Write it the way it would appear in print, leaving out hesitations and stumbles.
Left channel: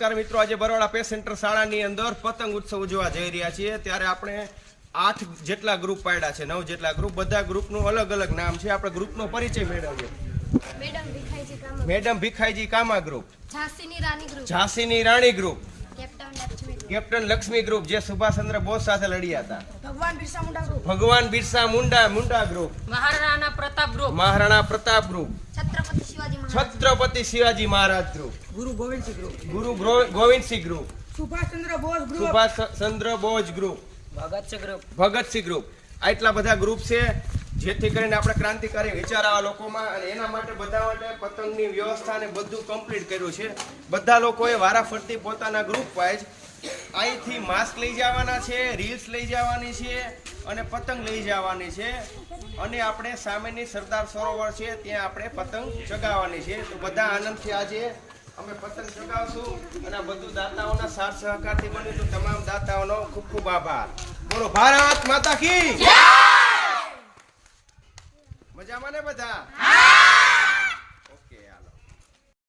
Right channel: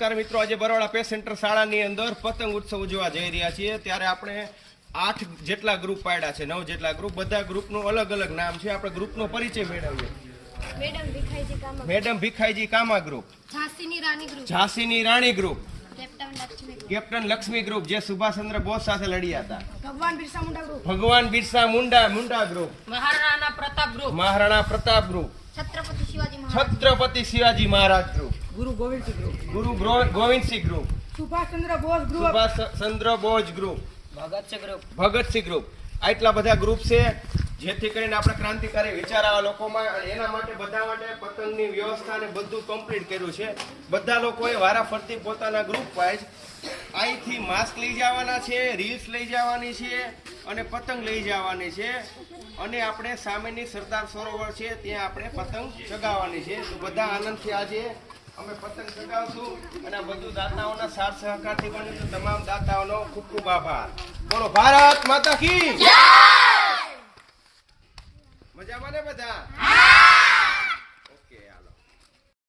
નમસ્કાર મિત્રો, આજે બરોડા પેસ સેન્ટર શાળાની અંદર પતંગ ઉત્સવ ઉજવવા જઈ રહ્યા છીએ. ત્યારે આપણે 8 જેટલા ગ્રુપ પાડ્યા છે, 9 જેટલા ગ્રુપ. બધા ગ્રુપનું અલગ અલગ નામ છે. આપણે ગ્રુપનો પરિચય મેળવીએ. મેડમ ભીખાઈજી કામા ગ્રુપ, ઝાંસીની રાણી ગ્રુપ, કેપ્ટન લક્ષ્મી ગ્રુપ જે સુભાષચંદ્ર બોઝ સાથે લડ્યા હતા, ભગવાન Birsa Munda group, Maharana Pratap group, Chhatrapati Shivaji Maharaj group, Guru Gobind Singh group, Subhashchandra Bose group, Bhagat Singh group. આટલા બધા ગ્રુપ છે, જેથી કરીને આપણે ક્રાંતિકારી વિચાર આવા લોકોમાં, અને એના માટે બધા માટે પતંગની વ્યવસ્થા ને બધું કમ્પ્લીટ કર્યું છે. બધા લોકોએ વારાફરતી પોતાના ગ્રુપ વાઇઝ અહીંથી માસ્ક લઈ જવાના છે, રીલ્સ લઈ જવાની છે અને પતંગ લઈ જવાની છે. અને આપણે સામેની સરદાર સરોવર છે ત્યાં આપણે પતંગ ચગાવવાની છે. તો બધા આનંદથી આજે અમે પતંગ ચગાવશું. અને આ બધું દાતાઓના સાથ સહકારથી બન્યું. તો તમામ દાતાઓનો ખૂબ ખૂબ આભાર. બોલો ભારત માતા કી જય. મજામાં ને બધા?